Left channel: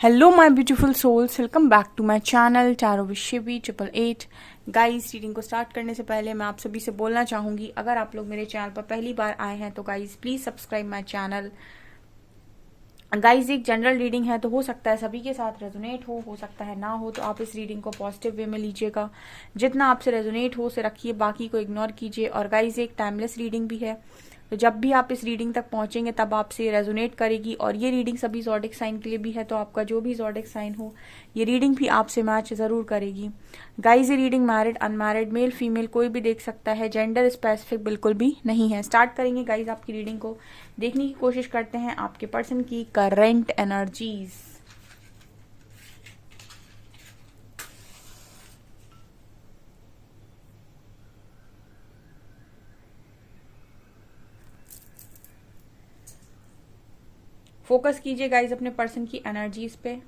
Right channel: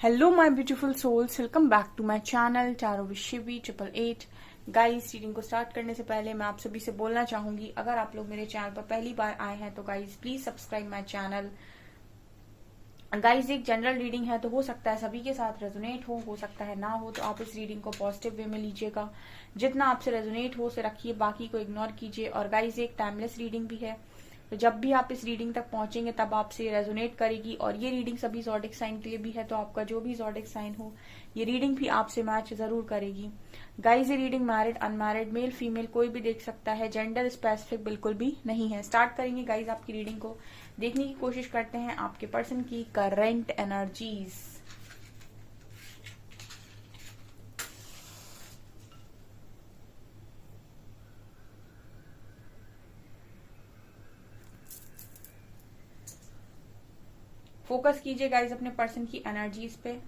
Hello my beautiful souls, welcome back to my channel tarot with Shivi 888। Guys, reading को start करने से पहले मैं आप सभी से बोलना चाहूंगी, अगर आप लोग मेरे चैनल पर पहली बार आए हैं तो guys please subscribe my channel. Guys, एक जनरल रीडिंग है तो हो सकता है सभी के साथ रेजोनेट हो सकता है ना हो, तो आप इस रीडिंग को पॉजिटिव वे में लीजिएगा। जितना आपसे रेजोनेट हो उसे रखिए, बाकी को इग्नोर कीजिए। और गाइस, एक टाइमलेस रीडिंग भी है, तो जब भी आप इस रीडिंग तक पहुंचेंगे तब आपसे रेजोनेट करेगी। और ये रीडिंग सभी ज़ोडिक साइन के लिए भी है, तो आपका जो भी ज़ोडिक साइन हो ये रीडिंग भी आपसे मैच जरूर करेगी। गाइस, ये reading married unmarried male female कोई भी देख सकता है, जेंडर स्पेसिफिक बिल्कुल भी नहीं है। स्टार्ट करेंगे गाइस आपकी रीडिंग को, देखने की कोशिश करते हैं आपके पर्सन की करंट एनर्जीज। फोकस कीजिए गाइस अपने पर्सन की एनर्जीज पे।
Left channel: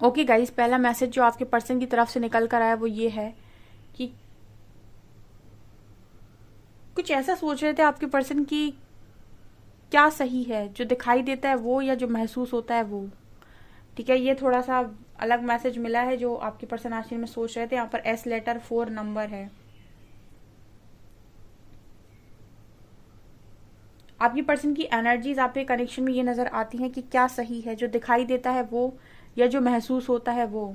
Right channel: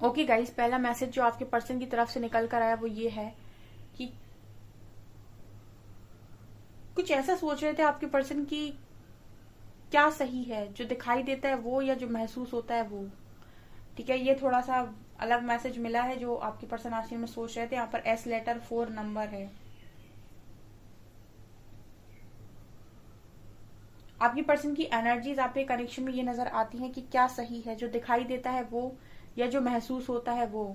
ओके गाइस, पहला मैसेज जो आपके पर्सन की तरफ से निकल कर आया वो ये है कि कुछ ऐसा सोच रहे थे आपके पर्सन की, क्या सही है, जो दिखाई देता है वो या जो महसूस होता है वो। ठीक है, ये थोड़ा सा अलग मैसेज मिला है जो आपके पर्सन आखिर में सोच रहे थे। यहाँ पर एस लेटर 4 नंबर है। आपकी पर्सन की एनर्जीज आपके कनेक्शन में ये नजर आती हैं कि क्या सही है, जो दिखाई देता है वो या जो महसूस होता है वो।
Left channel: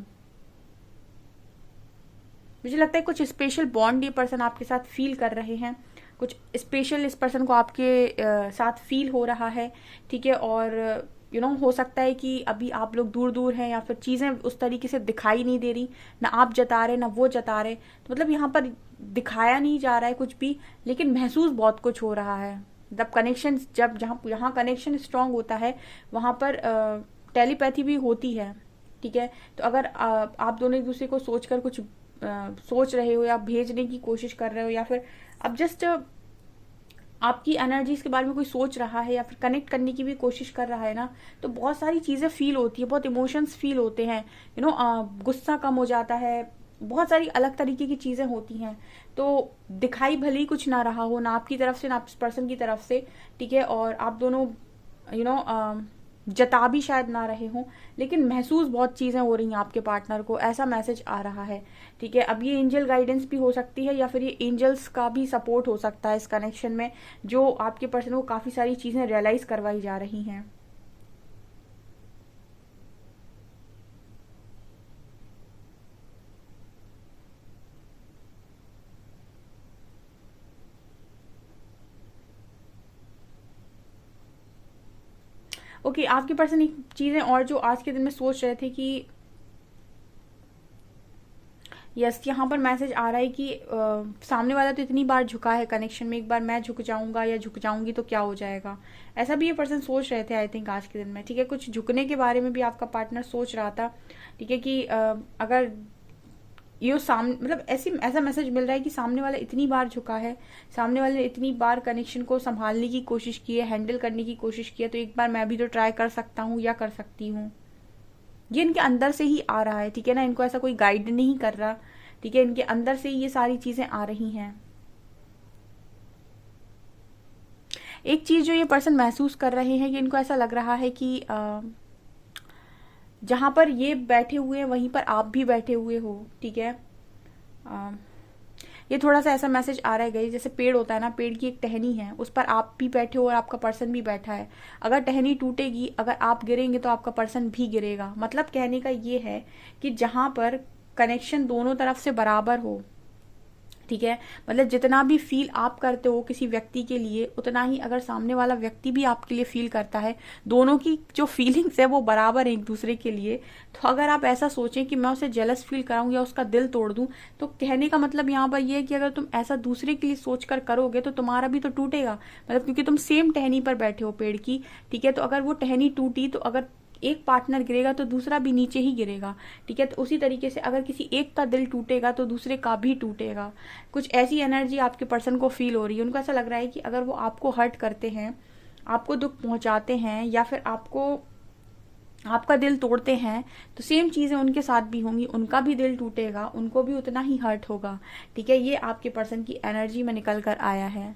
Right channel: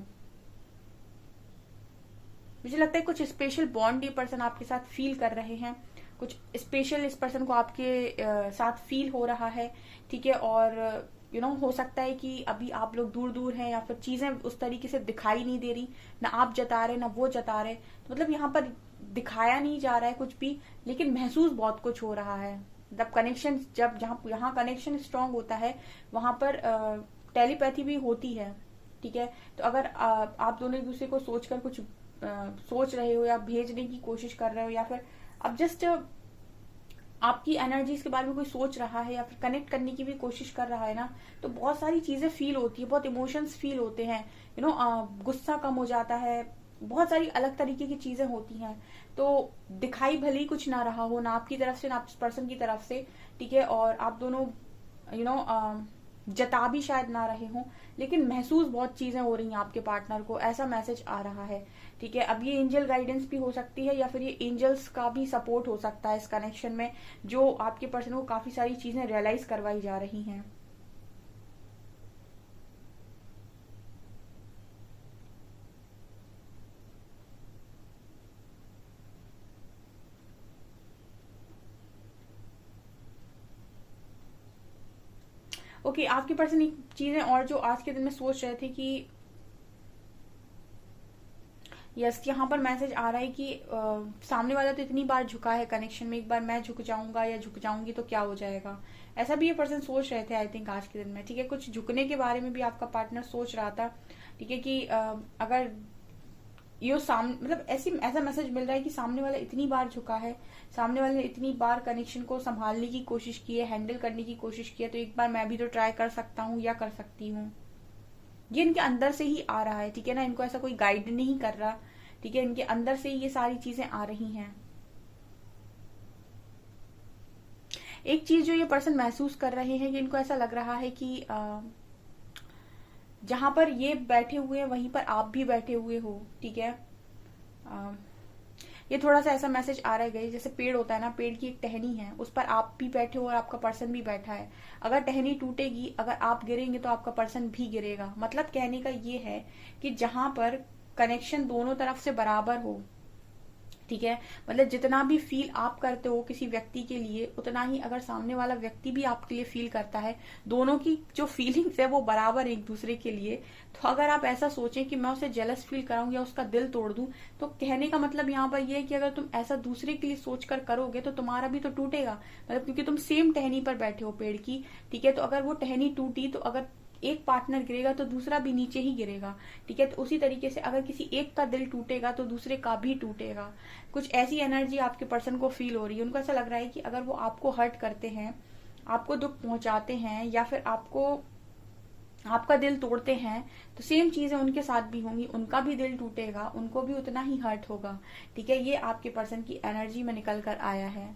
मुझे लगता है कुछ स्पेशल बॉन्ड ये पर्सन आपके साथ फील कर रहे हैं, कुछ स्पेशल इस पर्सन को आपके साथ फील हो रहा है। ठीक है, और हो सकता है कि अभी आप लोग दूर दूर हैं या फिर चीजें उस तरीके से दिखाई नहीं दे रही, ना आप जता रहे ना वो जता रहे, तो मतलब यहाँ पर दिखाया नहीं जा रहा है कुछ भी, लेकिन महसूस बहुत कुछ हो रहा है। जब कनेक्शन जब जहाँ यहाँ कनेक्शन स्ट्रांग होता है वहां पर टेलीपैथी भी होती है। ठीक है, तो अगर आप दोनों एक दूसरे को सोचकर कुछ सोच रहे हो या भेजने की कोशिश कर रहे हो, या फिर अब जस्ट आपकी एनर्जीज के बारे में कोई सोच रहा है या फिर कनेक्ट करने की भी कोशिश कर रहा है ना, तो बहुत सारी चीजें फील होती है, बहुत इमोशंस फील होते हैं। गुस्सा कम हो जाता है, बहुत सारी अलग तरीके की चीजें होती हैं। तो दिखाई भले ही कुछ ना रहा हो, ना आपकी तरफ से ना इस पर्सन की तरफ से। ठीक है, और आप दोनों यू नो जता भी शायद ना रहे हों, लेकिन महसूस बहुत चीजें हो रही हैं आपके पार्टनर को, ऐसा मैसेज आ रहा है। ठीक है, अब ये एंजल गाइडेंस भी हो सकती है या फिर ये एंजल्स का भी सपोर्ट हो सकता है इस कनेक्शन में, जो आपके पर्सन को काफी सारी चीजें रियलाइज करवाई जा रही हैं। ओके, आपके पर्सन एक चीजें और जो आज के दिन में सोच रहे थे कि यस, यहाँ पर मैसेज आ रहा है कि सामने वाला तो इतनी बार झुका है कनेक्शन में, एक बार मैं झुक जाऊंगा या झुक जाऊंगी तो क्या हो जाएगा, ऐसा भी ये पर्सन सोच रहे थे आई थिंक आज के दिन में। ठीक है, कुछ झुकने के बारे में भी आपका पार्टनर सोच रहा था। ठीक है, कि अगर ये सामने मतलब ऐसा मैसेज मिल रहा है कि सामने वाला इतनी बार झुका है, सामने वाले ने इतनी बार कनेक्शन को संभालने की कोशिश की है, हैंडल करने की कोशिश की है, तो एक बार मैं भी तो ट्राई कर सकता हूँ या कर सकती हूँ। ये इनके अंदर से ही आ रहा है। ठीक है ना, इनको ऐसा कोई गाइड नहीं कर रहा। ठीक है, इनके अंदर से ही ये सारी चीजें आ रही हैं। एक चीज जो ये पर्सन महसूस कर रहे हैं कि इनको ऐसा लग रहा है कि जहां पर ये बैठे हुए हैं वहीं पर आप भी बैठे हुए हो। ठीक है, ये थोड़ा सा ऐसा मैसेज आ रहा है गई, जैसे पेड़ होता है ना, पेड़ की एक टहनी है, उस पर आप भी बैठे हो और आपका पर्सन भी बैठा है। अगर टहनी टूटेगी, अगर आप गिरेंगे तो आपका पर्सन भी गिरेगा। मतलब कहने का ये है कि जहां पर कनेक्शन दोनों तरफ से बराबर हो, ठीक है। मतलब जितना भी फील आप करते हो किसी व्यक्ति के लिए, उतना ही अगर सामने वाला व्यक्ति भी आपके लिए फील करता है, दोनों की जो फीलिंग्स है वो बराबर है एक दूसरे के लिए। तो अगर आप ऐसा सोचें कि मैं उसे जेलस फील कराऊं या उसका दिल तोड़ दूं, तो कहने का मतलब यहाँ पर ये है कि अगर तुम ऐसा दूसरे के लिए सोच कर करोगे तो तुम्हारा भी तो टूटेगा। मतलब क्योंकि तुम सेम टहनी पर बैठे हो पेड़ की, ठीक है। तो अगर वो टहनी टूटी तो अगर एक पार्टनर गिरेगा तो दूसरा भी नीचे ही गिरेगा, ठीक है। तो उसी तरीके से अगर किसी एक का दिल टूटेगा तो दूसरे का भी टूटेगा। कुछ ऐसी एनर्जी आपके पर्सन को फील हो रही है। उनको ऐसा लग रहा है कि अगर वो आपको हर्ट करते हैं, आपको दुख पहुंचाते हैं, या फिर आपको आपका दिल तोड़ते हैं, तो सेम चीजें उनके साथ भी होंगी, उनका भी दिल टूटेगा, उनको भी उतना ही हर्ट होगा, ठीक है। ये आपके पर्सन की एनर्जी में निकल कर आया है।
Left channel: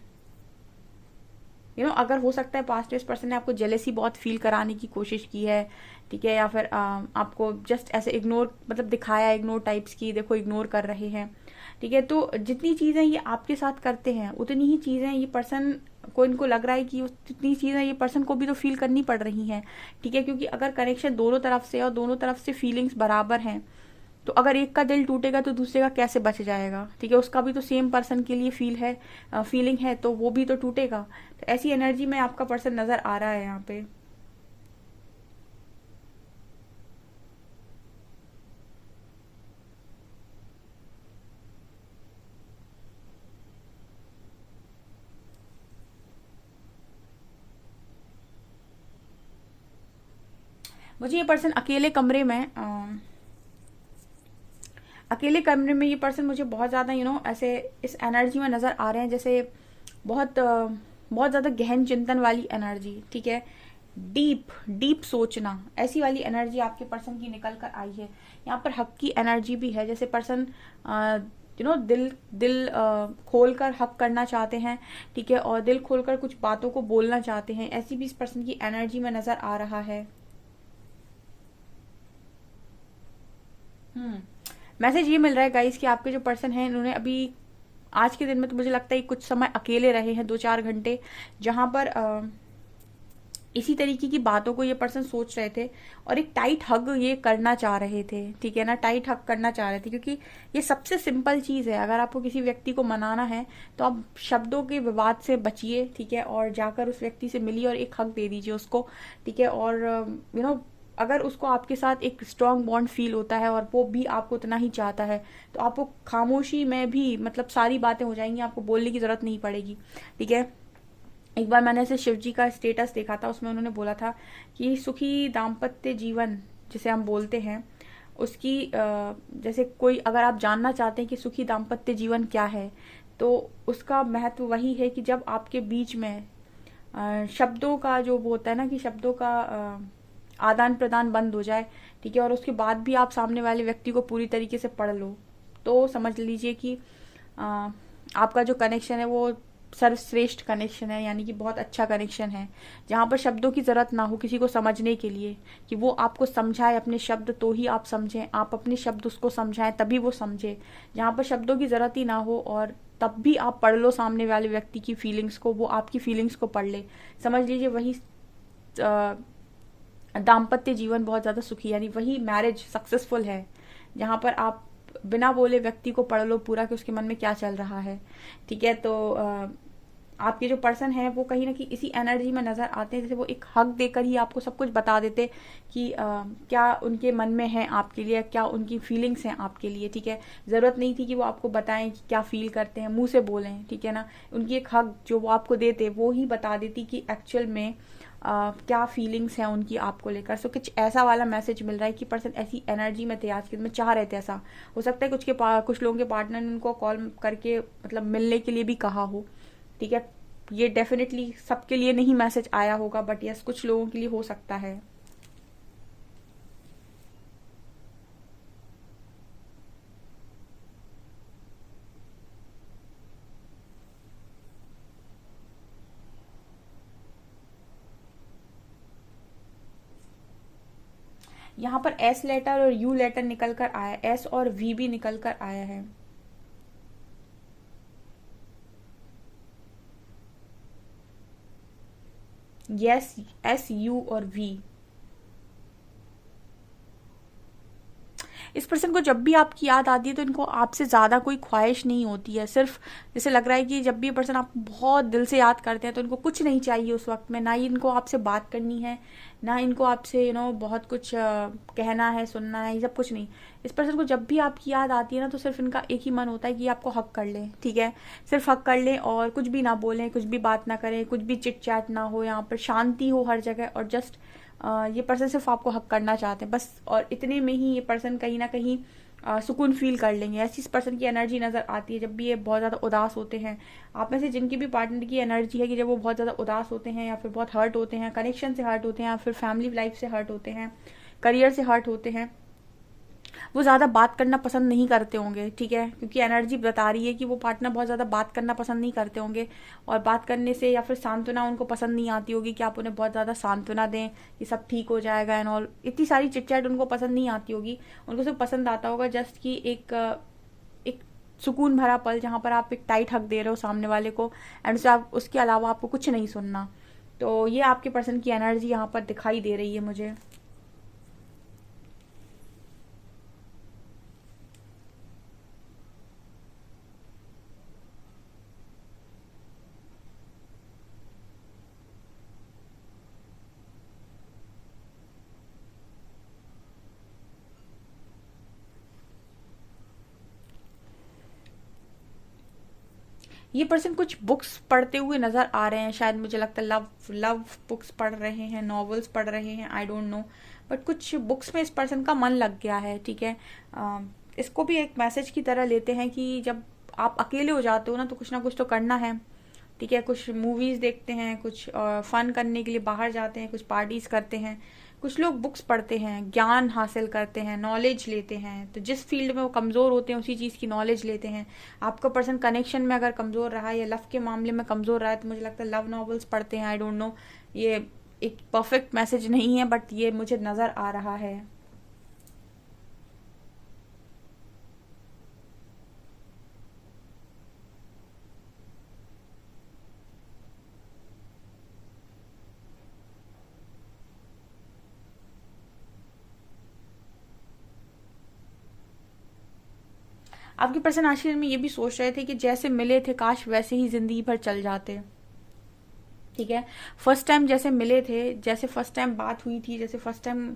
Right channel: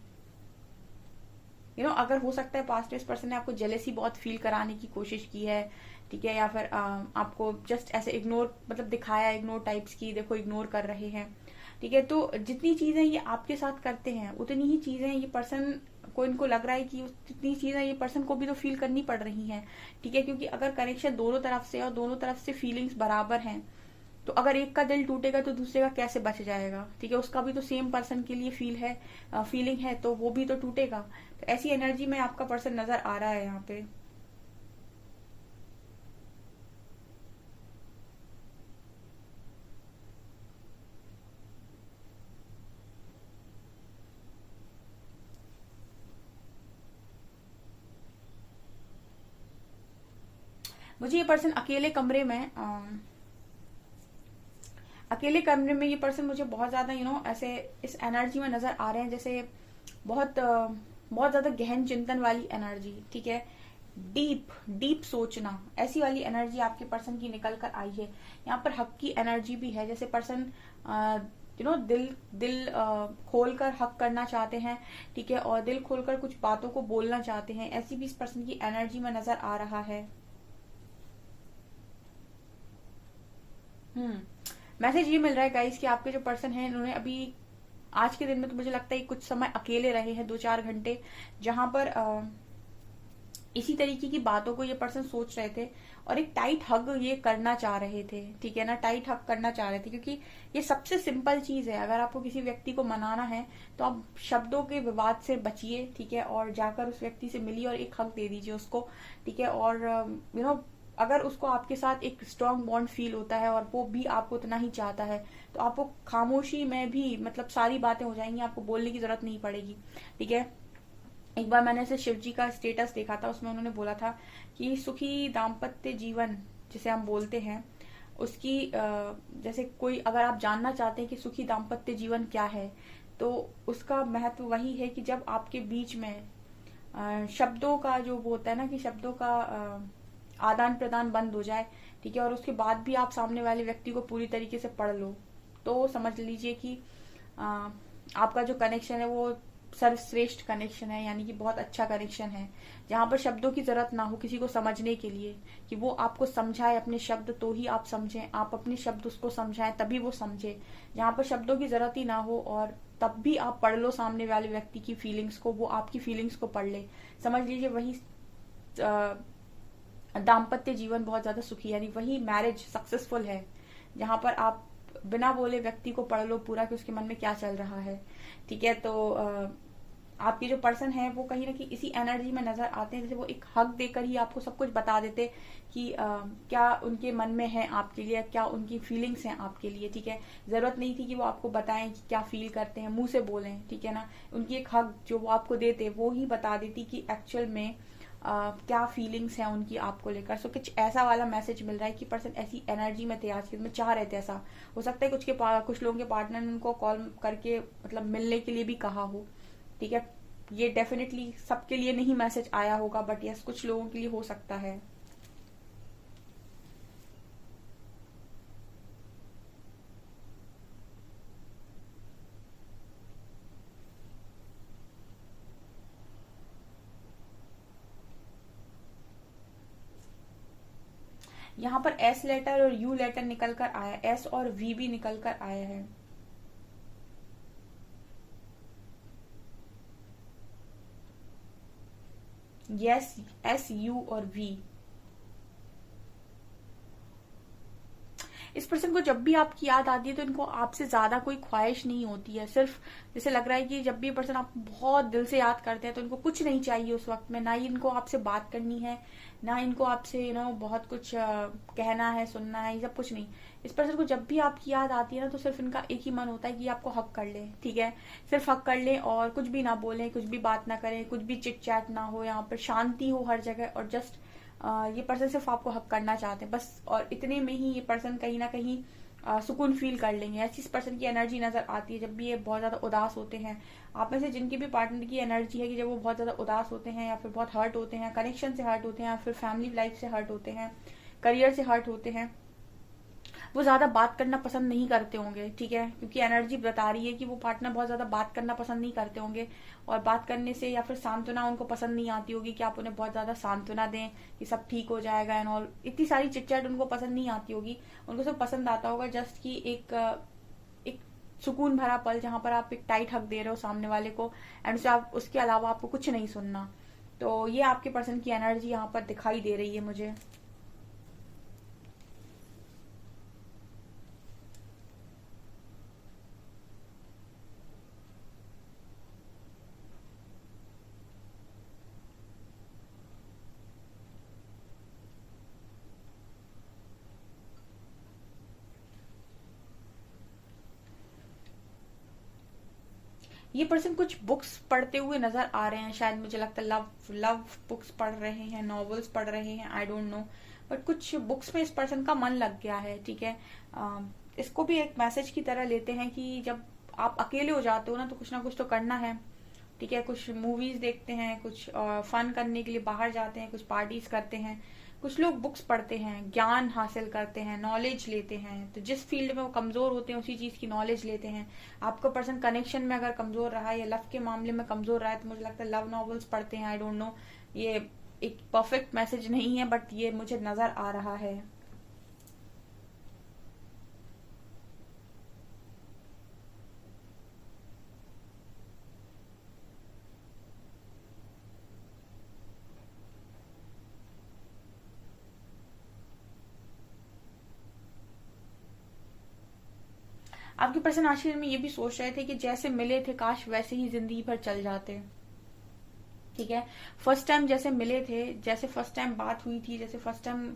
अगर हो सकता है पास्ट इस पर्सन ने आपको जेलेसी बहुत फील कराने की कोशिश की है, ठीक है, या फिर आपको जस्ट ऐसे इग्नोर, मतलब दिखाया इग्नोर टाइप्स की, देखो इग्नोर कर रहे हैं, ठीक है। तो जितनी चीजें ये आपके साथ करते हैं उतनी ही चीजें ये पर्सन को, इनको लग रहा है कि जितनी चीजें ये पर्सन को भी तो फील करनी पड़ रही हैं, ठीक है। क्योंकि अगर कनेक्शन दोनों तरफ से और दोनों तरफ से फीलिंग्स बराबर हैं, तो अगर एक का दिल टूटेगा तो दूसरे का कैसे बच जाएगा, ठीक है। उसका भी तो सेम पर्सन के लिए फीलिंग है, तो वो भी तो टूटेगा। तो ऐसी एनर्जी में आपका पर्सन नजर आ रहा है यहाँ पे। मुझे ये पर्सन अकेले कमरे में ये पर्सन मुझे बहुत ज्यादा ऐसे इस एनर्जी में नजर आ रहे हैं, जैसे बहुत ज्यादा गहन चिंतन वाली एनर्जी, ठीक है। डीप डीप सोचना, ऐसी वाली एनर्जी आपके पर्सन की निकल कर आई है। यहाँ पर हक की एनर्जी भी है, जैसे पर्सन दिल दिल खोल कर हक करना चाहते हैं, ठीक है, और दिल खोलकर कुछ बातों को बोलना चाहते हैं। ऐसी भी इस पर्सन की एनर्जी में नजर आ रहा है। मैसेज ये मिल रहा है गाइस कि आपके जो पर्सन है, इन्होंने अभी आज के दिन में तो मुझे लगता है कुछ समय अकेले रहे हैं, 2-4 घंटे, जहां पर इसी तरीके की बातों को ये पर्सन सोच रहे थे और एक टाइट हग ये करना चाह रहे थे, ठीक है ना। टाइट हग करना चाह रहे थे, क्योंकि ये सबसे सिंपल चीज है। अगर आपको किसी व्यक्ति को मनाना है तो आप शब्दों के विवाद से बचिए, ठीक है, और जाकर उस व्यक्ति से मिलिए और एक हग दे दीजिए उसको, ठीक है। और अगर उसको आपके साथ एक स्ट्रांग बॉन्ड फील होता है और वो भी आपको उतना ही चाहता है, तो आपको खामोशी में भी मतलब सारी बातें हो जाएंगी, आपको बोलने की जरूरत नहीं पड़ेगी, ठीक है। एक बार मैंने ऐसे शिव जी का स्टेटस देखा था, उसमें उन्होंने बोला था कि सुखी दाम्पत्य जीवन जिसे हम बोलते हैं, उसकी जैसे कोई अगर आप जानना चाहते हैं कि सुखी दाम्पत्य जीवन क्या है, तो उसका महत्व वही है कि जब आपके बीच में शब्दों का जो वो होता है ना, कि शब्दों का आदान प्रदान बंद हो जाए, ठीक है, और उसके बाद भी आप सामने वाले व्यक्ति को पूरी तरीके से पढ़ लो, तो समझ लीजिए कि आपका जो कनेक्शन है वो सर्वश्रेष्ठ कनेक्शन है, यानी कि बहुत अच्छा कनेक्शन है, जहां पर शब्दों की जरूरत ना हो किसी को समझने के लिए, कि वो आपको समझाए अपने शब्द तो ही आप समझें, आप अपने शब्द उसको समझाएं तभी वो समझे। जहां पर शब्दों की जरूरत ही ना हो और तब भी आप पढ़ लो सामने वाले व्यक्ति की फीलिंग्स को, वो आपकी फीलिंग्स को पढ़ ले, समझ लीजिए वही दाम्पत्य जीवन बहुत ज्यादा सुखी, यानी वही मैरिज सक्सेसफुल है, जहां पर आप बिना बोले व्यक्ति को पढ़ लो पूरा कि उसके मन में क्या चल रहा है, ठीक है। तो आपके जो पर्सन है वो कहीं ना कहीं इसी एनर्जी में नजर आते हैं, जैसे वो एक हक देकर ही आपको सब कुछ बता देते कि क्या उनके मन में है आपके लिए, क्या उनकी फीलिंग्स हैं आपके लिए, ठीक है। जरूरत नहीं थी कि वो आपको बताएं कि क्या फील करते हैं, मुंह से बोलें, ठीक है ना। उनकी एक हक जो वो आपको देते वो ही बता देती कि एक्चुअल में क्या फीलिंग्स हैं उनकी आपको लेकर। सो कुछ ऐसा वाला मैसेज मिल रहा है कि पर्सन ऐसी एनर्जी में थे, आज के दिन में चाह रहे थे ऐसा। हो सकता है कुछ लोगों के पार्टनर ने उनको कॉल करके मतलब मिलने के लिए भी कहा हो, ठीक है। ये डेफिनेटली सबके लिए नहीं मैसेज आया होगा, बट यस कुछ लोगों के लिए हो सकता है। यहाँ पर एस लेटर और यू लेटर निकल कर आया, एस और वी भी निकल कर आया है। यस, एस, यू और वी। इस पर्सन को जब भी आपकी याद आती है तो इनको आपसे ज़्यादा कोई ख्वाहिश नहीं होती है। सिर्फ जैसे लग रहा है कि जब भी ये पर्सन आपको बहुत दिल से याद करते हैं तो इनको कुछ नहीं चाहिए उस वक्त में, ना ही इनको आपसे बात करनी है, ना इनको आपसे बहुत कुछ कहना है, सुनना है, ये सब कुछ नहीं। इस पर्सन को जब भी आपकी याद आती है ना तो सिर्फ इनका एक ही मन होता है कि आपको हक कर लें, ठीक है, सिर्फ हक कर लें और कुछ भी ना बोलें, कुछ भी बात ना करें, कुछ भी चिट चैट ना हो, यहाँ पर शांति हो हर जगह, और जस्ट ये पर्सन सिर्फ आपको हक करना चाहते हैं बस। और इतने में ही ये पर्सन कहीं ना कहीं सुकून फील कर लेंगे। ऐसी इस पर्सन की एनर्जी नजर आती है जब भी ये बहुत ज्यादा उदास होते हैं। आप में से जिनकी भी पार्टनर की एनर्जी है कि जब वो बहुत ज्यादा उदास होते हैं या फिर बहुत हर्ट होते हैं, कनेक्शन से हर्ट होते हैं, या फिर फैमिली लाइफ से हर्ट होते हैं, करियर से हर्ट होते हैं, वो ज्यादा बात करना पसंद नहीं करते होंगे, ठीक है, क्योंकि एनर्जी बता रही है कि वो पार्टनर बहुत ज्यादा बात करना पसंद नहीं करते होंगे। और बात करने से या फिर सांत्वना उनको पसंद नहीं आती होगी कि आप उन्हें बहुत ज्यादा सांत्वना दें, ये सब ठीक हो जाएगा एंड ऑल, इतनी सारी चिटचैट उनको पसंद नहीं आती होगी। उनको सिर्फ पसंद आता होगा जस्ट कि एक सुकून भरा पल जहां पर आप एक टाइट हक दे रहे हो सामने वाले को, एंड उसके अलावा आपको कुछ नहीं सुनना। तो ये आपके पर्सन की एनर्जी यहाँ पर दिखाई दे रही है मुझे। ये पर्सन कुछ बुक्स पढ़ते हुए नजर आ रहे हैं, शायद मुझे लगता है लव लव बुक्स पढ़ रहे हैं, नॉवेल्स पढ़ रहे हैं, आई डोंट नो, बट कुछ बुक्स में इस पर्सन का मन लग गया है, ठीक है। इसको भी एक मैसेज की तरह लेते हैं कि जब आप अकेले हो जाते हो ना कुछ तो करना है, ठीक है। कुछ मूवीज देखते हैं, कुछ फन करने के लिए बाहर जाते हैं, कुछ पार्टीज करते हैं, कुछ लोग बुक्स पढ़ते हैं, ज्ञान हासिल करते हैं, नॉलेज लेते हैं। तो जिस फील्ड में वो कमजोर होते हैं उसी चीज की नॉलेज लेते हैं। आपका पर्सन कनेक्शन में अगर कमजोर रहा है या लव के मामले में कमजोर रहा है तो मुझे लगता है लव नॉवेल्स पढ़ते हैं, आई डोंट नो, ये एक परफेक्ट मैसेज नहीं है बट ये मुझे नजर आ रहा है। आपके पर्सन आखिर में ये भी सोच रहे थे कि जैसे मिले थे काश वैसे ही जिंदगी भर चल जाते, ठीक है। फर्स्ट टाइम जैसे मिले थे, जैसे फर्स्ट टाइम बात हुई थी, जैसे फर्स्ट टाइम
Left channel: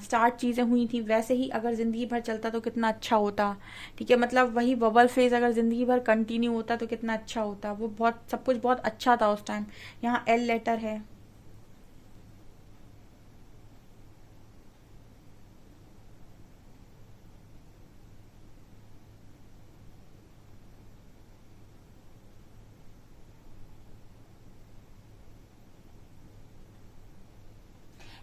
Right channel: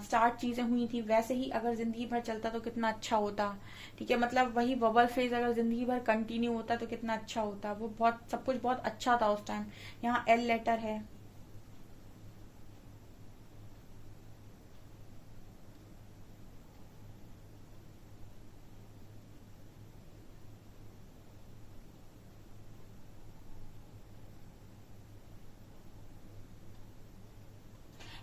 स्टार्ट चीजें हुई थी, वैसे ही अगर जिंदगी भर चलता तो कितना अच्छा होता, ठीक है। मतलब वही बबल फेज अगर जिंदगी भर कंटिन्यू होता तो कितना अच्छा होता। वो बहुत सब कुछ बहुत अच्छा था उस टाइम। यहाँ एल लेटर है।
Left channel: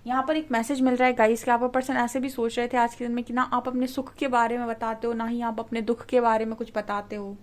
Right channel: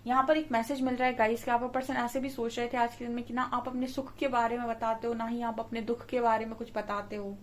यहाँ पर एक मैसेज मिल रहा है गाइस कि आपका पर्सन ऐसे भी सोच रहे थे आज के दिन में कि ना आप अपने सुख के बारे में बताते हो, ना ही आप अपने दुख के बारे में कुछ बताते हो।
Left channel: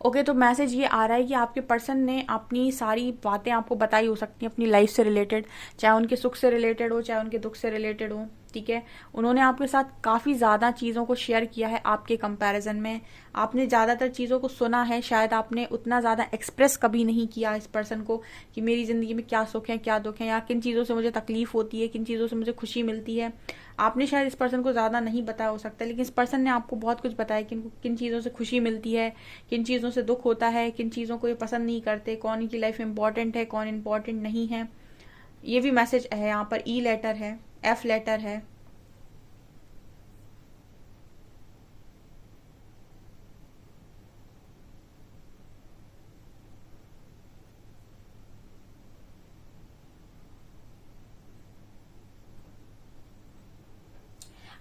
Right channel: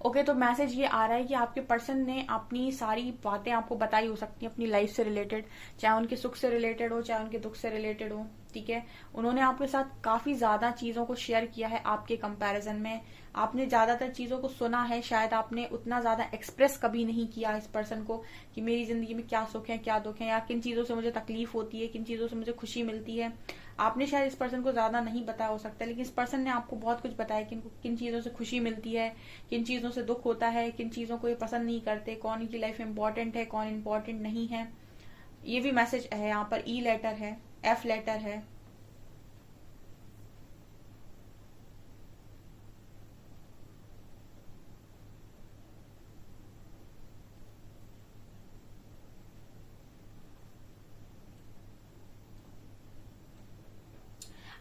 ओके, तो मैसेज ये आ रहा है कि आपके पर्सन ने अपनी सारी बातें आपको बताई हो सकती हैं अपनी लाइफ से रिलेटेड, चाहे उनके सुख से रिलेटेड हो, चाहे उनके दुख से रिलेटेड हो, ठीक है। उन्होंने आपके साथ काफी ज्यादा चीजों को शेयर किया है आपके कंपैरिजन में। आपने ज्यादातर चीजों को सुना है, शायद आपने उतना ज्यादा एक्सप्रेस कभी नहीं किया इस पर्सन को कि मेरी जिंदगी में क्या सुख है, क्या दुख है, या किन चीजों से मुझे तकलीफ होती है, किन चीजों से मुझे खुशी मिलती है। आपने शायद इस पर्सन को ज्यादा नहीं बताया हो सकता, लेकिन इस पर्सन ने आपको बहुत कुछ बताया कि किन चीजों से खुशी मिलती है, किन चीजों से दुख होता है, किन चीजों को ये पसंद नहीं करते, कौन इनकी लाइफ में इंपॉर्टेंट है, कौन इंपॉर्टेंट नहीं है। ये भी मैसेज है। यहाँ पर ई लेटर है, एफ लेटर है।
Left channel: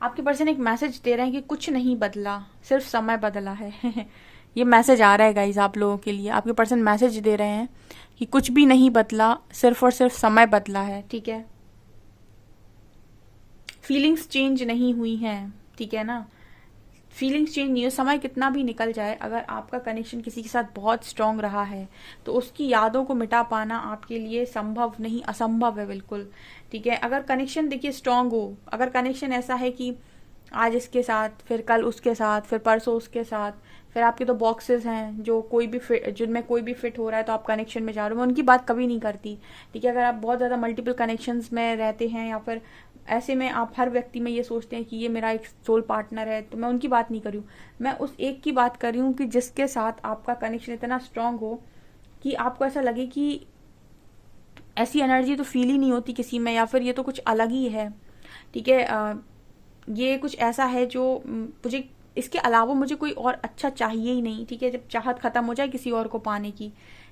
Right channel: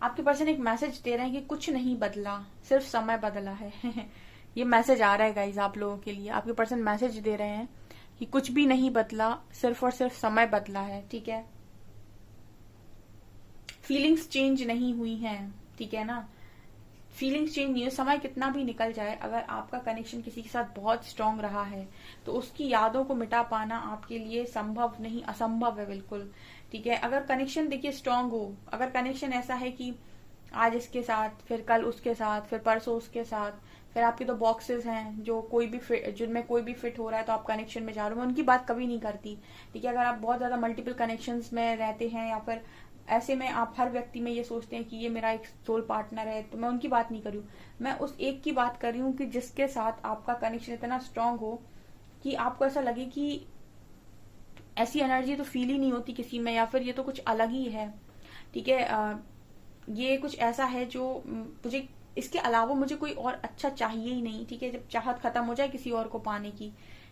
आपके पर्सन एक मैसेज दे रहे हैं कि कुछ नहीं बदला, सिर्फ समय बदला है। ये मैसेज आ रहा है गाइज आप लोगों के लिए। आपके पर्सन मैसेज दे रहे हैं कि कुछ भी नहीं बदला, सिर्फ और सिर्फ समय बदला है, ठीक है। फीलिंग्स चेंज नहीं हुई हैं, ठीक है ना। फीलिंग्स चेंज नहीं हो, समय कितना भी निकल जाए, अगर आपका कनेक्शन किसी के साथ बहुत स्ट्रांग रहा है तो उसकी यादों को मिटा पाना आपके लिए संभव नहीं, असंभव है बिल्कुल, ठीक है। अगर कनेक्शन देखिए स्ट्रांग हो, अगर कनेक्शन ऐसा है कि आज इसके साथ, फिर कल उसके साथ, फिर परसों उसके साथ, फिर आपके तो बॉक्सेस हैं जो कोई भी फिट, जिनमें कोई भी फिट हो रहा है तो आप कनेक्शन में जा रहे हो, मैं उनकी बात कभी नहीं करती, ठीक है। अगर आप बहुत ज्यादा मल्टीपल कनेक्शंस में रहते हैं या फिर ऐसे में आप हर व्यक्ति में ये सोचते हैं कि ये मेरा एक सोल पार्टनर है, तो मैं उनकी बात नहीं कर रही हूँ, मैं उस एक की बात कर रही हूँ कि जिसके साथ आपका कनेक्शन इतना स्ट्रांग हो कि आपको ऐसा लगे कि ऐसी एनर्जी तो फील ही नहीं होती किसी में, या फिर ये तो कुछ अलग ही है। ठीक है, ये कुछ ऐसा है जो मुझे, इसके अलावा मुझे कोई और अच्छा चाहिए ही नहीं। ठीक है, जब चाहत खत्म हो जाए किसी और को पाने की,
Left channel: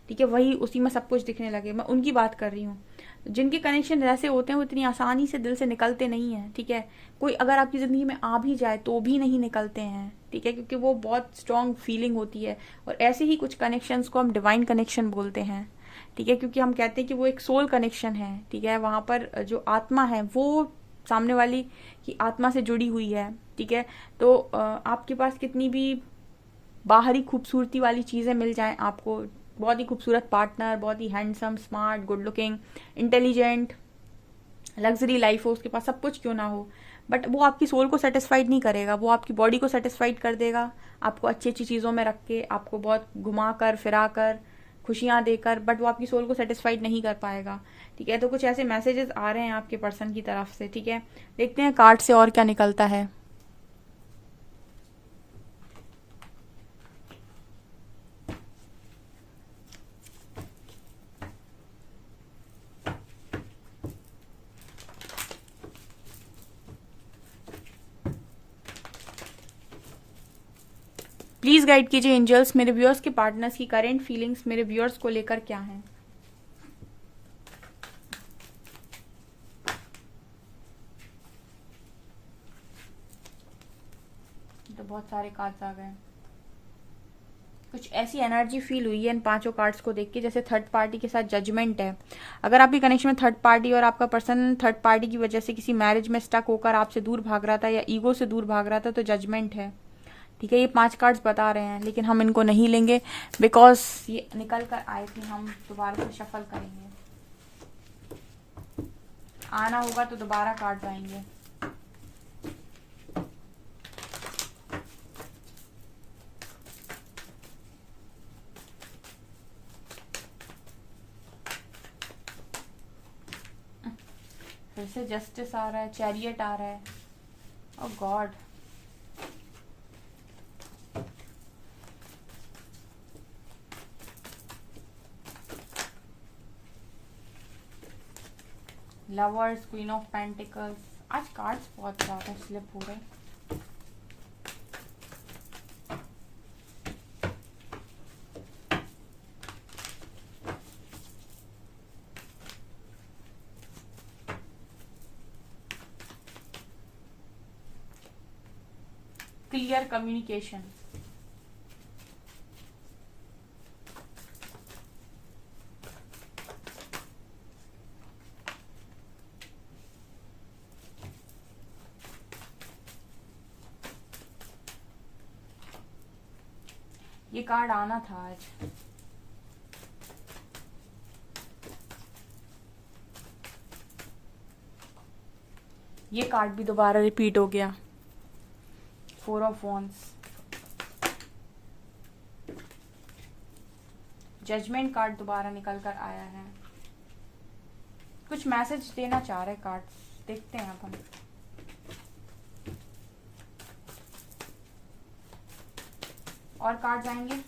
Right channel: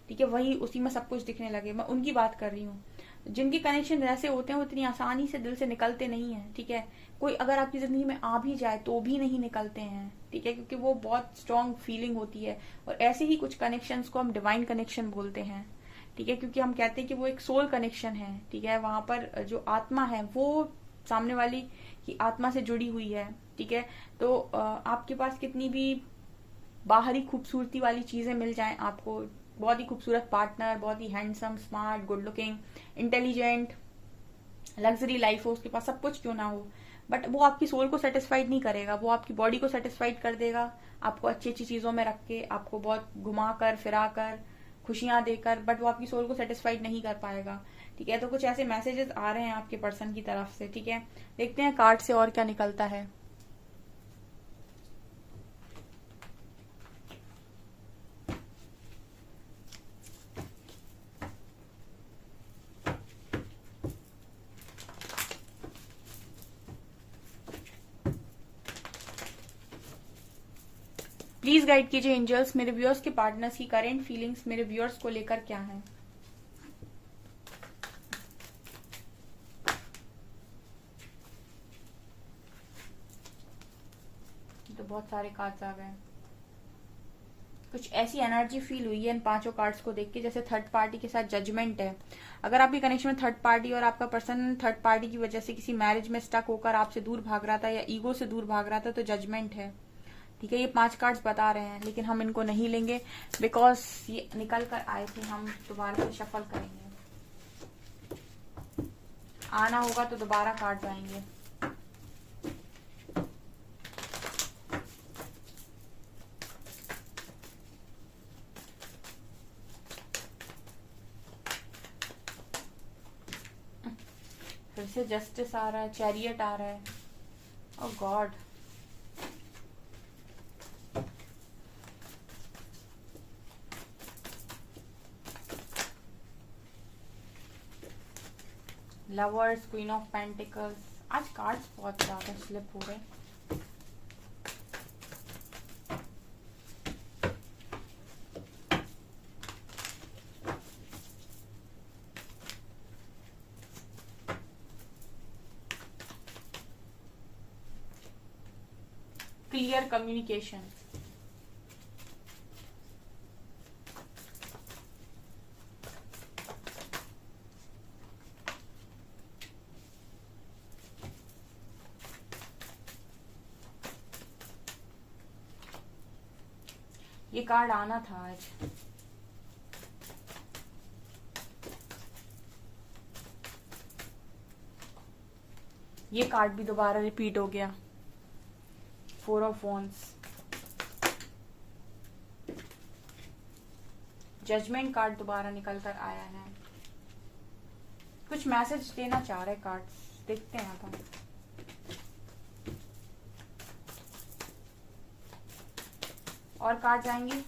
ठीक है, वही उसी में सब कुछ दिखने लगे, मैं उनकी बात कर रही हूँ। जिनके कनेक्शन ऐसे होते हैं वो इतनी आसानी से दिल से निकलते नहीं है। ठीक है, कोई अगर आपकी जिंदगी में आ भी जाए तो भी नहीं निकलते हैं। ठीक है, क्योंकि वो बहुत स्ट्रांग फीलिंग होती है। और ऐसे ही कुछ कनेक्शंस को हम डिवाइन कनेक्शन बोलते हैं। ठीक है, क्योंकि हम कहते हैं कि वो एक सोल कनेक्शन है। ठीक है, वहां पर जो आत्मा है वो सामने वाली की आत्मा से जुड़ी हुई है। ठीक है, तो आपके पास कितनी भी बाहरी खूबसूरती वाली चीजें मिल जाएं आपको, बहुत ही खूबसूरत पार्टनर, बहुत ही handsome, smart, good looking, intelligent, luxury life हो उसके पास, सब कुछ क्यों ना हो, बट वो आपकी सोल को सेटिस्फाइड नहीं करेगा। वो आपकी बॉडी को सेटिस्फाइड कर देगा, आपको अच्छी अच्छी चीजों में रख के, आपको बहुत घुमा कर फिरा कर, खुशियां देकर, बट वो आपकी सोल को सेटिस्फाइड नहीं कर पाएगा। ठीक है, तो कुछ ऐसे मैसेजेस आ रहे हैं आपके पर्सन की तरफ से। ठीक है, देखते हैं कार्ड से और क्या निकलता है। प्लीज गाइड कीजिए एंजल्स, मेरे व्यूअर्स के पार्टनर्स की करेंट फीलिंग्स मेरे व्यूअर्स को लेकर क्या है। तो बहुत सारे कार्ड्स आ गए। कुछ ऐसी एनर्जी फील हुई है इन पांचों कार्ड्स को देख के, जैसे थर्ड पार्टी के साथ जजमेंट है। अगर आपकी कनेक्शन में थर्ड पार्टी और आपका पर्सन थर्ड पार्टी की वजह से किसी मैरिज में स्टक होकर आपसे दूर भाग रहा था या ईगो से दूर भाग रहा था, तो जजमेंट है। ठीक है, ये 5 कार्ड्स बता रहे हैं, लेकिन हम इनको नहीं लेंगे बिकॉज ये निकल कर आए थे। हम दोबारा से शफल करेंगे, आना होगा तो दोबारा कार्ड्स आएंगे। फिर से जस्टिस आ रहा है, चैरियट आ रहा है, oh god, lovers, queen of pentacles. आज कार्ड्स बहुत ज्यादा स्लिप हो रहे हैं। क्लियर कम्युनिकेशन, ये कार्ड आना था आज। ये कार्ड भी दोबारा रिपीट हो गया, 4 ऑफ वॉन्ड्स। जजमेंट कार्ड दोबारा निकल कर आया है। कुछ मैसेज देना चाह रहे कार्ड, देखते हैं अब हम। और कार्ड आएंगे।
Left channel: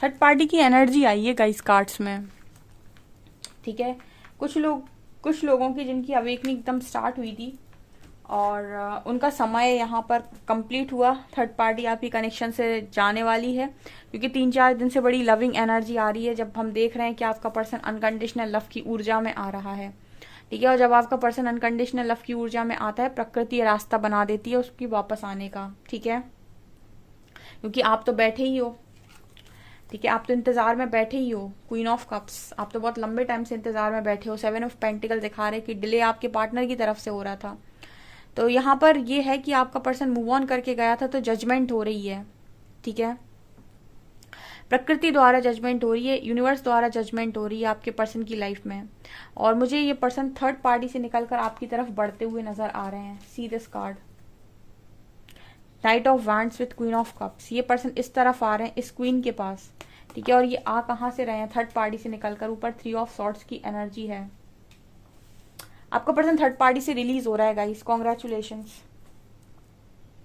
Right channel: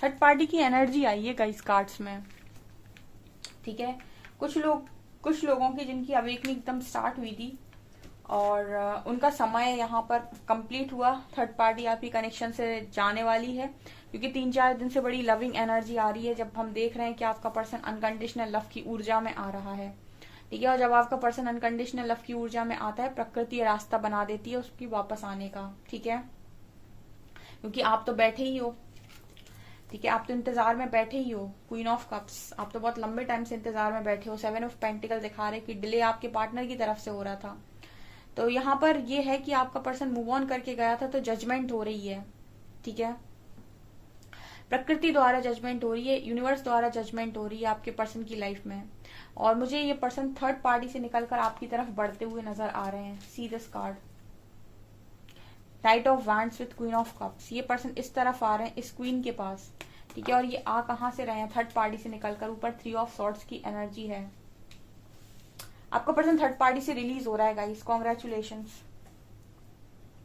थर्ड पार्टी की एनर्जी आई है गाइस कार्ड्स में। ठीक है, कुछ लोगों की जिनकी अवेकनिंग एकदम स्टार्ट हुई थी और उनका समय यहाँ पर कंप्लीट हुआ। थर्ड पार्टी आपकी कनेक्शन से जाने वाली है, क्योंकि 3-4 दिन से बड़ी लविंग एनर्जी आ रही है, जब हम देख रहे हैं कि आपका पर्सन अनकंडीशनल लव की ऊर्जा में आ रहा है। ठीक है, और जब आपका पर्सन अनकंडीशनल लव की ऊर्जा में आता है, प्रकृति रास्ता बना देती है उसकी वापस आने का। ठीक है, क्योंकि आप तो बैठे ही हो। ठीक है, आप तो इंतजार में बैठे ही हो। क्वीन ऑफ कप्स, आप तो बहुत लंबे टाइम से इंतजार में बैठे हो। 7 ऑफ पेंटिकल दिखा रहे कि डिले आपके पार्टनर की तरफ से हो रहा था। तो यहाँ पर ये है कि आपका पर्सन मूव ऑन करके गया था, तो जजमेंट हो रही है। ठीक है, प्रकृति द्वारा जजमेंट हो रही है, यूनिवर्स द्वारा जजमेंट हो रही है आपके पर्सन की लाइफ में। और मुझे ये पर्सन थर्ड पार्टी से निकलकर आपकी तरफ बढ़ते हुए नजर आ रहे हैं। See this card, night of wands with queen of cups. ये पर्सन इस तरफ आ रहे हैं, इस क्वीन के पास, ठीक है। और ये आ कहां से रहे हैं? थर्ड पार्टी से निकलकर। ऊपर 3 ऑफ सॉर्ड्स की एनर्जी है। आपका पर्सन थर्ड पार्टी से रिलीज हो रहा है गाइस, कॉन्ग्रेचुलेशंस,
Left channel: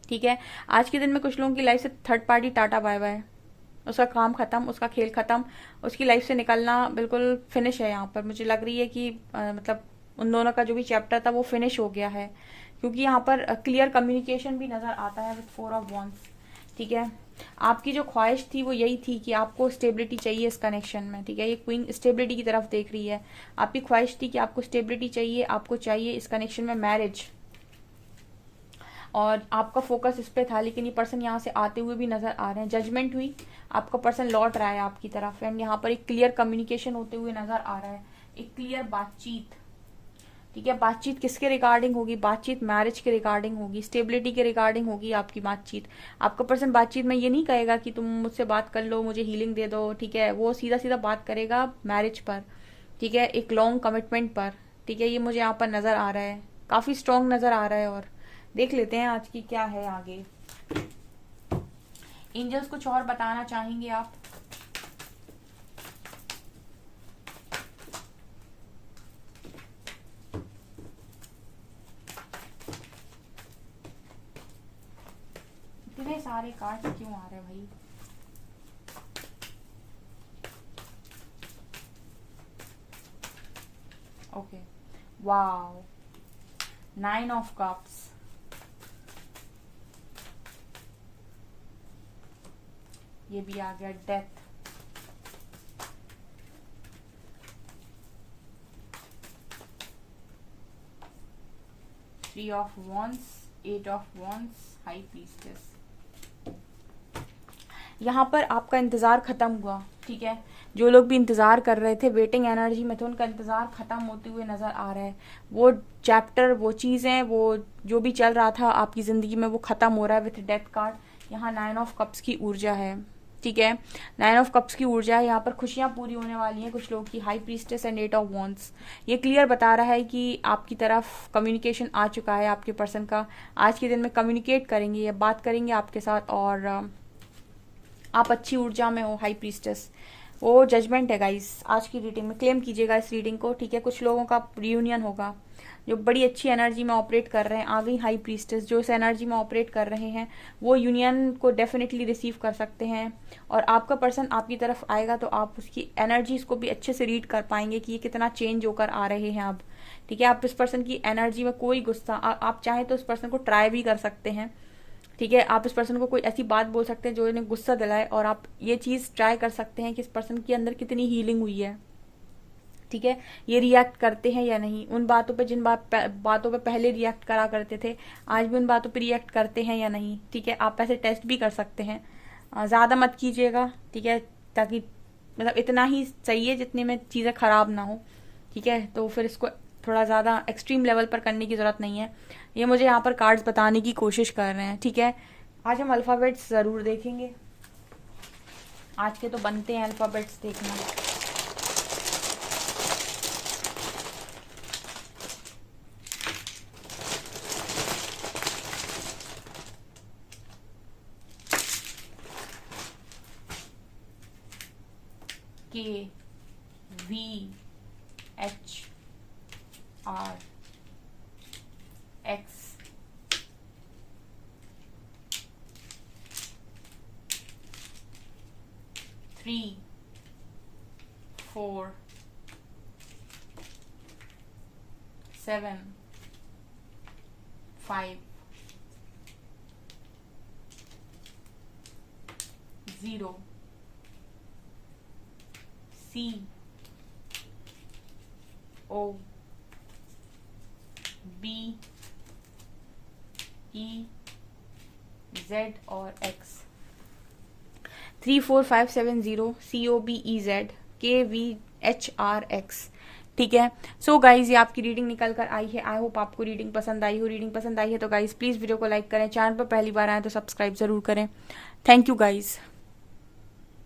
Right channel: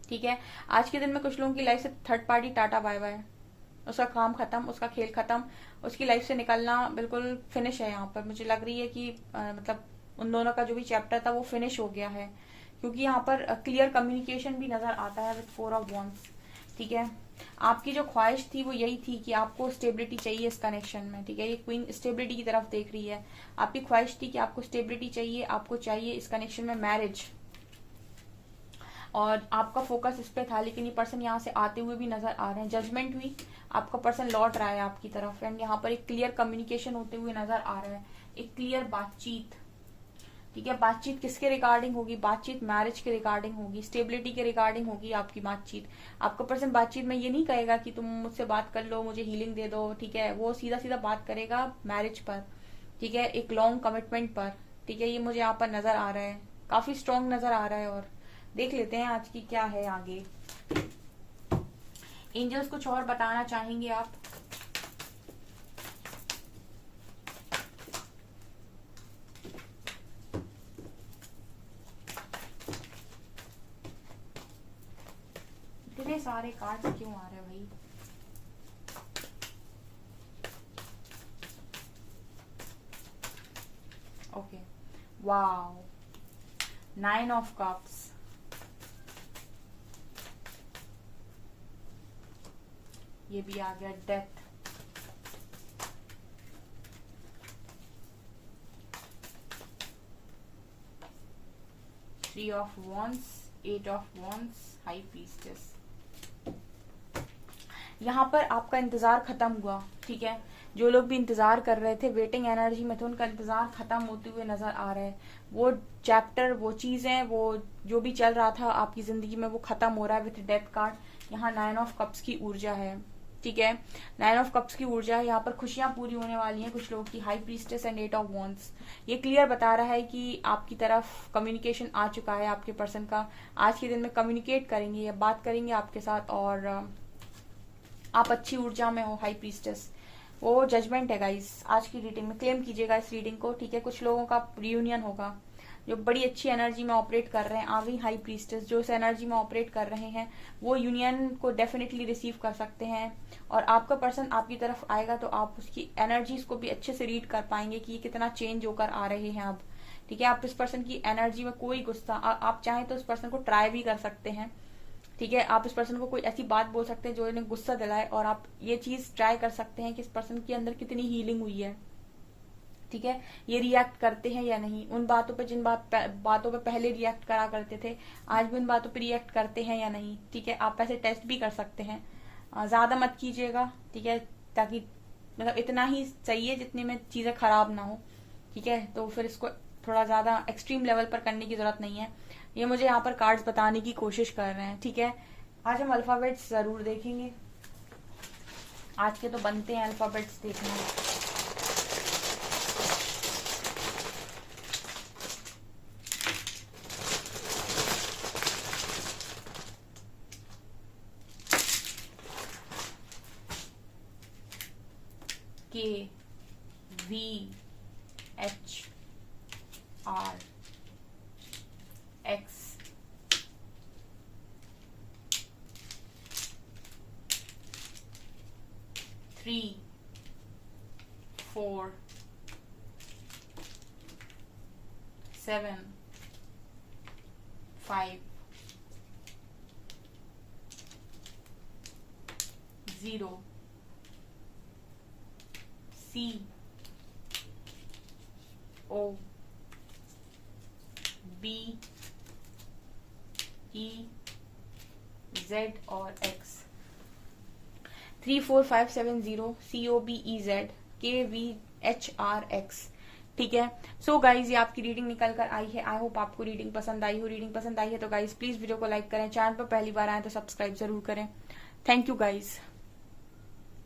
ठीक है। आज के दिन में कुछ लोगों की लाइफ से third party tata bye bye, उसका काम खत्म, उसका खेल खत्म, उसकी लाइफ से निकलना बिल्कुल फिनिश है। यहाँ पर मुझे लग रही है कि मतलब उन दोनों का जो भी चैप्टर था वो फिनिश हो गया है, क्योंकि यहाँ पर क्लियर कम्युनिकेशन भी नजर आता है विद 4 ऑफ वॉन्ड्स, ठीक है। आपकी जो ख्वाहिश थी वो यही थी कि आपको स्टेबिलिटी चाहिए इस कनेक्शन में, ठीक है। ये क्वीन स्टेबिलिटी की तरफ देख रही है। आपकी ख्वाहिश थी कि आपको स्टेबिलिटी चाहिए, आपको चाहिए इस कनेक्शन में मैरिज, और आपका फोकस इस पे था। लेकिन ये पर्सन यहाँ से आते हुए भी नजर आ रहे हैं। जजमेंट हुई, आपका पर्सन लौट रहा है आपकी तरफ, एंड यहाँ पर एक क्लियर कम्युनिकेशन होते हुए नजर आ रहा है, एक क्लियर बातचीत, ठीक है। बातचीत किसके रिगार्डिंग होगी? बातचीत मैरिज के रिगार्डिंग होगी, स्टेबिलिटी के रिगार्डिंग होगी आपकी बातचीत। आपका पर्सन बातचीत में ये नहीं कहेगा कि तुम मुझसे बात कर लो, मुझे हीलिंग दे दो, ठीक है। वो सीधा सीधा बात करेगा मैरिज पर, ठीक है, एक लॉन्ग कमिटमेंट पर, ठीक है। ये मुझे यहाँ पर नजर आ रहा है, काफी स्ट्रांग नजर आ रहा है। और देख लेते हैं आज की क्या है आगे। एंजल्स कुछ और बताना चाहेंगे आप? इतने सारे कार्ड्स क्यों आ रहे हैं भाई? ओके, वाओ, 9 ऑफ कप्स, ये भी आ गया, death, three of wands, 8 of wands, high priestess. यहाँ पर आपका इंतजार खत्म हुआ, ठीक है। जो लोग भी इंतजार कर रहे थे, वेटिंग एनर्जी में थे, उनका इंतजार खत्म होते हुए नजर आ रहा है। वो चैप्टर, वो चीजें, वो जो भी चल रहा था आपकी जिंदगी में, वो खत्म हो रहा है विथ डेथ कार्ड। यहाँ 9 ऑफ कप्स की ऊर्जा है, ठीक है। 9 ऑफ कप्स की ऊर्जा है। यहाँ पर खुशियां पूरी होने वाली हैं कुछ लोगों की। High priestess and 8 of wands, ये क्लियर बता रहा है कि आपकी तरफ कम्युनिकेशन आ चुका है आपके पर्सन का। आज के दिन में कम्युनिकेट करेंगे, या बात करेंगे आपके साथ, और आप अच्छी ऊर्जा में हो। हाई प्रीस्टेस, वो जजमेंट है गाइस आज की रीडिंग में। क्लेम कीजिएगा इस रीडिंग को, ठीक है। कुछ लोगों का रियूनियन होगा जो बड़ी अच्छी एनर्जी में ऑपरेट कर रहे हैं। आ गई हाई प्रीस्टेस, जो इस एनर्जी में ऑपरेट कर रहे हैं वो यूनियन को डेफिनेटली रिसीव कर सकते हैं। और आपका पर्सन आपकी तरफ आएगा तो आप उसकी एनर्जीज को भी अच्छे से रीड कर पाएंगे कि ये कितना चेंज होकर आ रहे हैं अब, ठीक है। आप इस पर्सन की एनर्जी में कोई गुस्सा, आप चाहें तो इस पर्सन को ट्राई भी कर सकते हैं, ठीक है। आप इस पर्सन को कोई ऐसी बात बोल सकते हैं जो इन्हें गुस्सा दिलाए, और आप ये चीज ट्राई कर सकते हैं कि इस पर्सन के अंदर कितनी हीलिंग हुई है, ठीक है। ये रिएक्ट करते हैं या नहीं उन बातों पे, जिन बातों पे पहले रिएक्ट करा करते थे, आज भी उन बातों पे रिएक्ट करते हैं या नहीं, ठीक है। आप ऐसे टेस्ट भी कर सकते हैं। ज्यादा मत कीजिएगा, ठीक है, ताकि मतलब इतना ही चाहिए जितने में चीजें खराब ना हो, ठीक है। तो फिर इसको थोड़ा ज्यादा एक्सट्रीम लेवल पर करने की जरूरत नहीं है। ये मुझे यहाँ पर कार्ड्स बताने की कोशिश कर रहे हैं, ठीक है। आज हम अल्फाबेट्स जरूर देखेंगे, आज के तो बनते हैं अल्फाबेट्स देखने। K, V, H, R, X, three, 4, 7, 5, 0, C, O, B, E, Z और X। 3, 4, 5, 7, 0, COBEZ, KVHRX, ठीक है। सो गाइज, ये आपकी रीडिंग निकल कर आई है। आई होप आपको रीडिंग पसंद आई हो। रीडिंग पसंद आई है तो गाइज प्लीज वीडियो को लाइक करें, चैनल पर पहली बार आए तो सब्सक्राइब जरूर करें। Thank you guys.